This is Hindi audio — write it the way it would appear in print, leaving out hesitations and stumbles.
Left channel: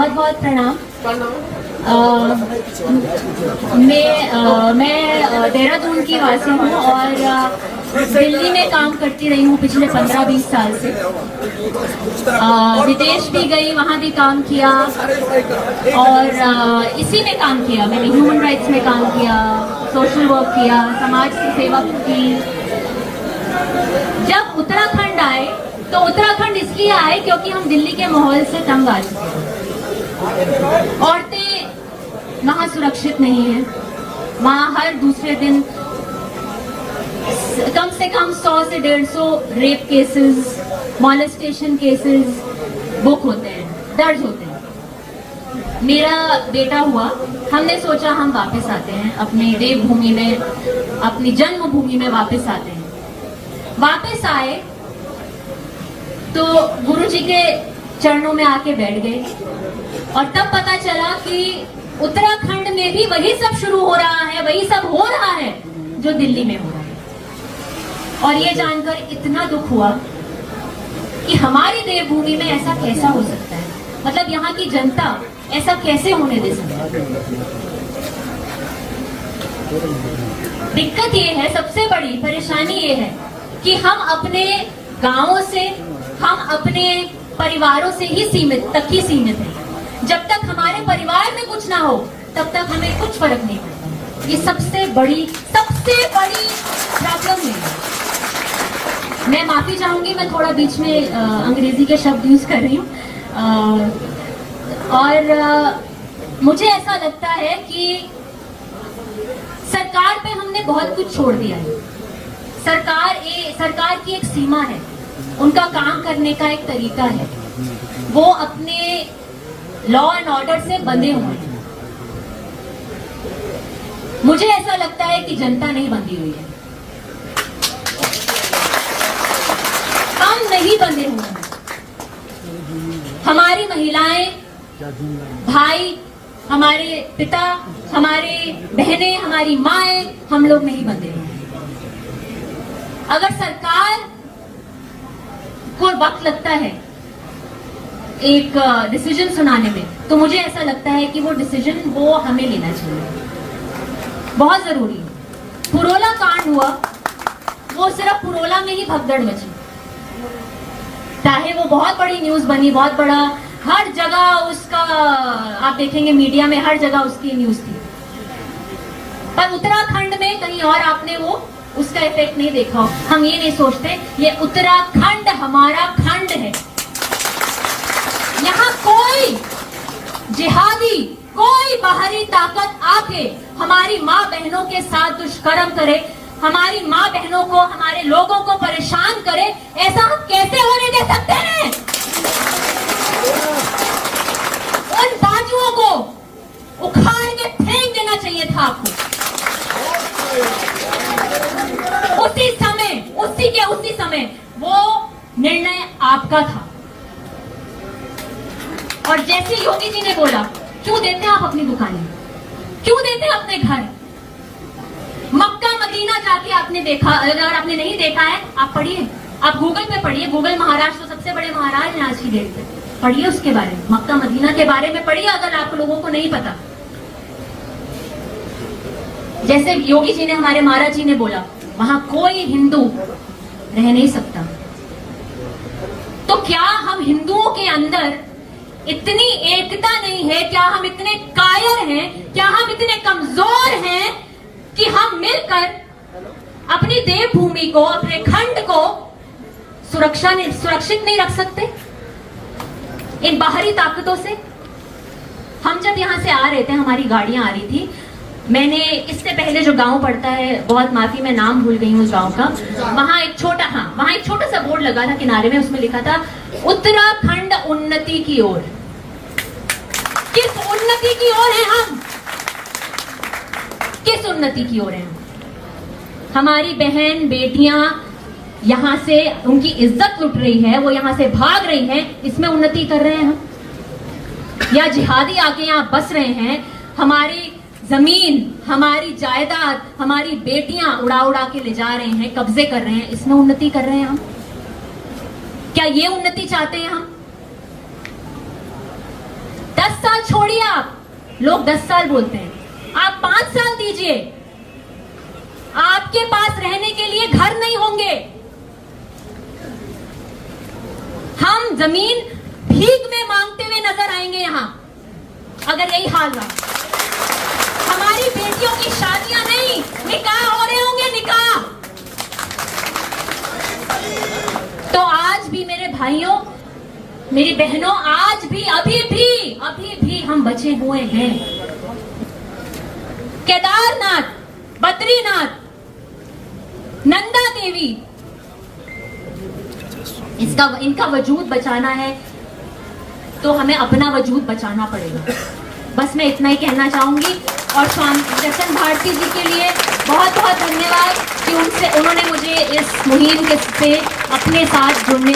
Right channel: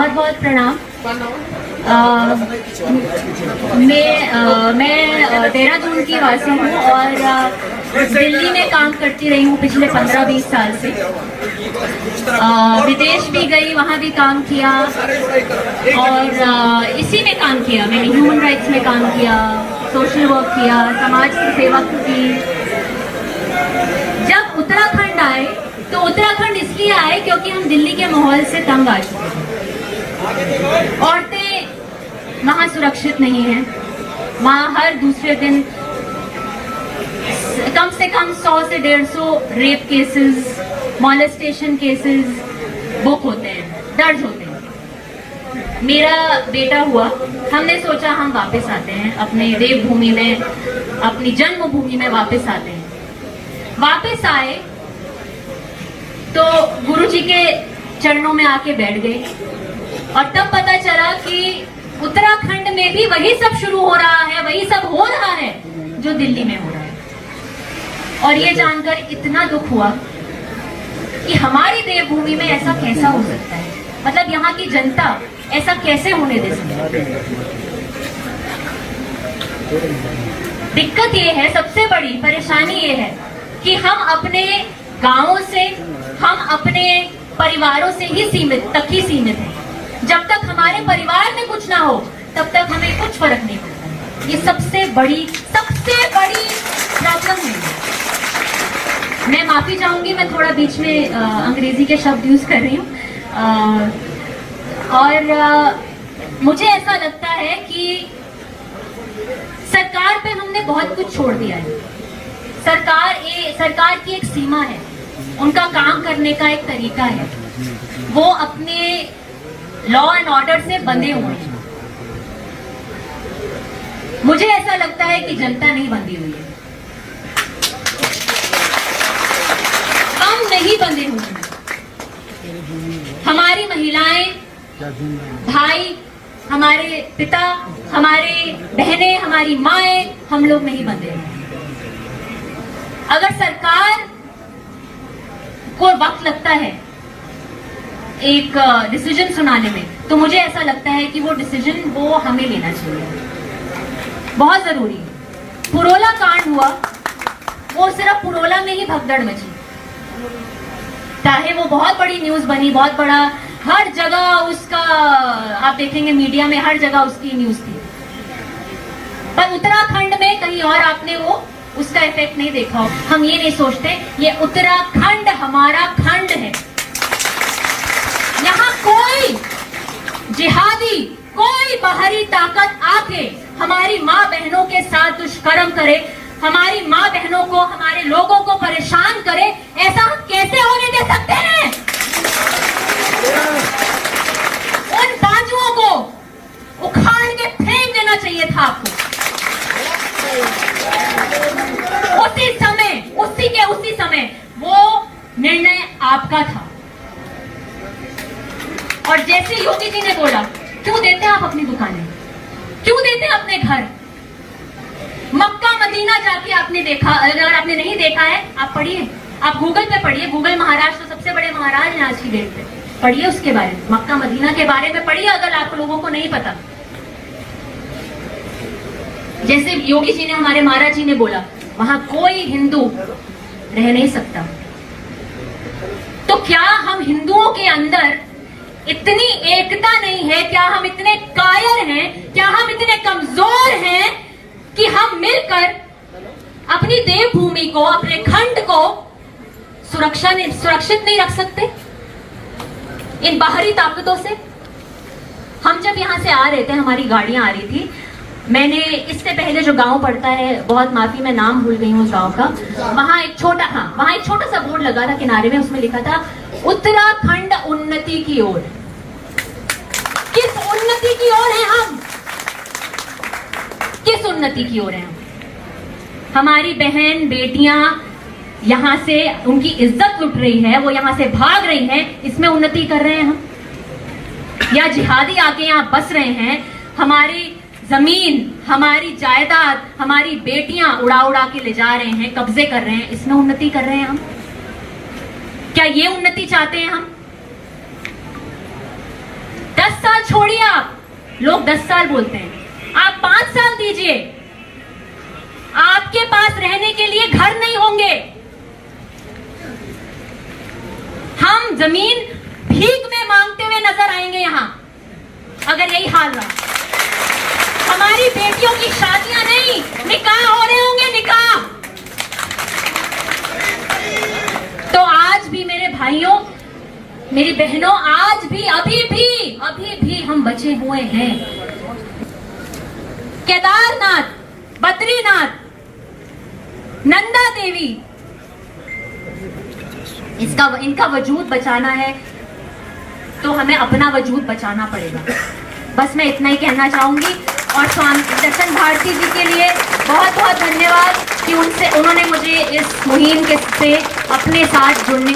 बहुत बहुत प्रणाम। मैं देहरादून की वासी हूँ और दिल्ली में काम करती रही हूँ पिछले 15-20 साल से। विदेश भी गई, वहाँ भी काम किया और इसी में काम किया। मैंने ह्यूमन राइट्स में काम किया, सोशल वर्क किया, समाज की सेवा की। जब उत्तराखंड आए तो उत्तराखंड इसलिए आए क्योंकि हम दिल्ली के माहौल से तंग आ चुके हैं। औरतें वहाँ सुरक्षित नहीं हैं। वहाँ हर दूसरे दिन कम से कम 100 से 150 rape cases, molestation cases book होते हैं, दर्ज होते हैं। मेरा बेटा हुआ, हमने सोचा हम वापस आते हैं अपने देवभूमि में, अपनी जन्मभूमि में वापस आते हैं। वापस आए तो गुरुजी के चरणों में आके बैठ गए और तब पता चला कि उत्तराखंड में भी वही सब शुरू हो रहा है, वही सब हो रहा है जो दिल्ली में हो रहा है। और ये जानकर इतना दुख हुआ कि हमारी देवभूमि में ऐसा कैसा हो सकता है, मतलब यहाँ की जनता ऐसा कैसे होने दे सकती है। दिक्कत ये है, सबसे बड़ी परेशानी ये है कि हम अपने गांवों से, हम अपने परिवारों से ही सीमित हैं। जब तक हमारे परिवार में कुछ ना हो तब तक हमें कुछ फर्क नहीं पड़ता। ये सबसे बड़ी प्रॉब्लम है। मैं माफी चाहूंगी, मैं थोड़ा बीच में अंग्रेजी के शब्द यूज कर रही हूँ। और मुझे ऐसा लगता है कि सरकार पे हमने बहुत कुछ छोड़ दिया है। सरकार की एक सीमा है, उनका काम करने का एक तरीका है। वो अपने लॉ एंड ऑर्डर से बंधे हुए हैं। मुझे ऐसा लगता है कि जनता नहीं बंधी हुई है, हम नहीं बंधे हुए हैं। हमारी महिलाएं, भाई, हमारे पिता, हमारे बहनें, हमारी माएं, हम लोग नहीं बंधे हुए हैं। अगर सरकार को वक्त लगता है एक डिसीजन सुनाने में, तो मुझे ऐसा लगता है कि वो डिसीजन वो हमें लेना चाहिए, बहुत जरूरी है। पुरोला कांड हुआ, वो सिर्फ पुरोला में ही भगदड़ मची, चाहे वो बहुत बड़ी न्यूज बनी, बहुत बड़ा, हर जगह उसका आप देखेंगे मीडिया में हर जगह उसकी न्यूज थी। पर उत्तराखंड में कहीं और आपने वो उसका इफेक्ट नहीं देखा हो। हम ये नहीं सोचते ये उत्तराखंड हमारा खंड है। यहाँ कोई जिहादी, कोई बाहरी ताकत आके हमारी माँ बहनों के साथ दुष्कर्म करे, हमारी माँ बहनों को, हमारे लोगों को परेशान करे, ऐसा हम कैसे होने दे सकते हैं? उन बाजुओं को उखाड़ के फेंक देना चाहिए था आपको उसी समय। वो निर्णय आपका था। और जैसे योगी जी ने बोला, क्यों देते आप अपनी दुकानें, क्यों देते अपने घर? मक्का मदीना जाके आपने देखा? अगर आपने नहीं देखा है, आप पढ़िए, आप गूगल पे पढ़िए। गूगल महाराज तो सबसे बड़े महाराज हैं आज की डेट पे। पढ़िए उसके बारे में, मक्का मदीना के बारे में पढ़िए अगर आप लोगों को नहीं पता। जैसे योगी जी ने, हमारे महाराज जी ने बोला, वहां कोई हिंदू रह नहीं सकता। तो क्या हम हिंदुओं के अंदर इतनी एकता नहीं है? क्या हम इतने कायर हैं? क्या हम इतने कमजोर हैं कि हम मिलकर अपनी देवभूमि को, अपने खंड को सुरक्षित नहीं रख सकते इन बाहरी ताकतों से? हम जब यहां से आ रहे थे, हमारी गाड़ियां आ रही थी, मैंने इससे पहले जो गांव पड़ता है, बहुत माफी, मैं नाम भूल गई हूँ उस गांव का, वहां एक छोटा सा बोर्ड लगा था किनारे में, उसमें लिखा था उत्तराखंड उन्नति की ओर। किस उन्नति की ओर है हम? किस उन्नति की ओर है हम? हमारी बहन बेटियां यहां से, उनकी इज्जत लुट रही है, वो यहां से भाग रही है, इसमें उन्नति कर रहे हैं हम? या जिहादी आके यहाँ बस रहे हैं, हमारी जमीन, हमारी जायदाद, हमारी बेटियां उड़ा उड़ा के ले जा रहे हैं, कब्जे कर रहे हैं, इसमें उन्नति कर रहे हैं हम? क्या ये उन्नति चाहते हैं हम? 10 साल छोड़िए, आप लोग 10 साल बोलते हैं, आप 5 साल दीजिए, आपके पास रहने के लिए घर नहीं होंगे। हम जमीन भीख में मांगते हुए नजर आएंगे यहां, अगर यही हाल रहा। हमारी बेटियों की शादियां नहीं, निकाह हो रहे होंगे, निकाह। तो आज भी मेरे भाइयों, मेरी बहनों, आज भी अभी भी हम बचे हुए हैं। केदारनाथ, बद्रीनाथ, नंदा देवी, इनका वजूद बचाना है तो हमें अपना वजूद बचाना पड़ेगा। बस मैं इतना ही कहना चाहूंगी। और स्वामी दर्शन भारती जी के लिए बहुत बहुत धन्यवाद कि उन्होंने मुझे इस मुहिम से अपने साथ जुड़ने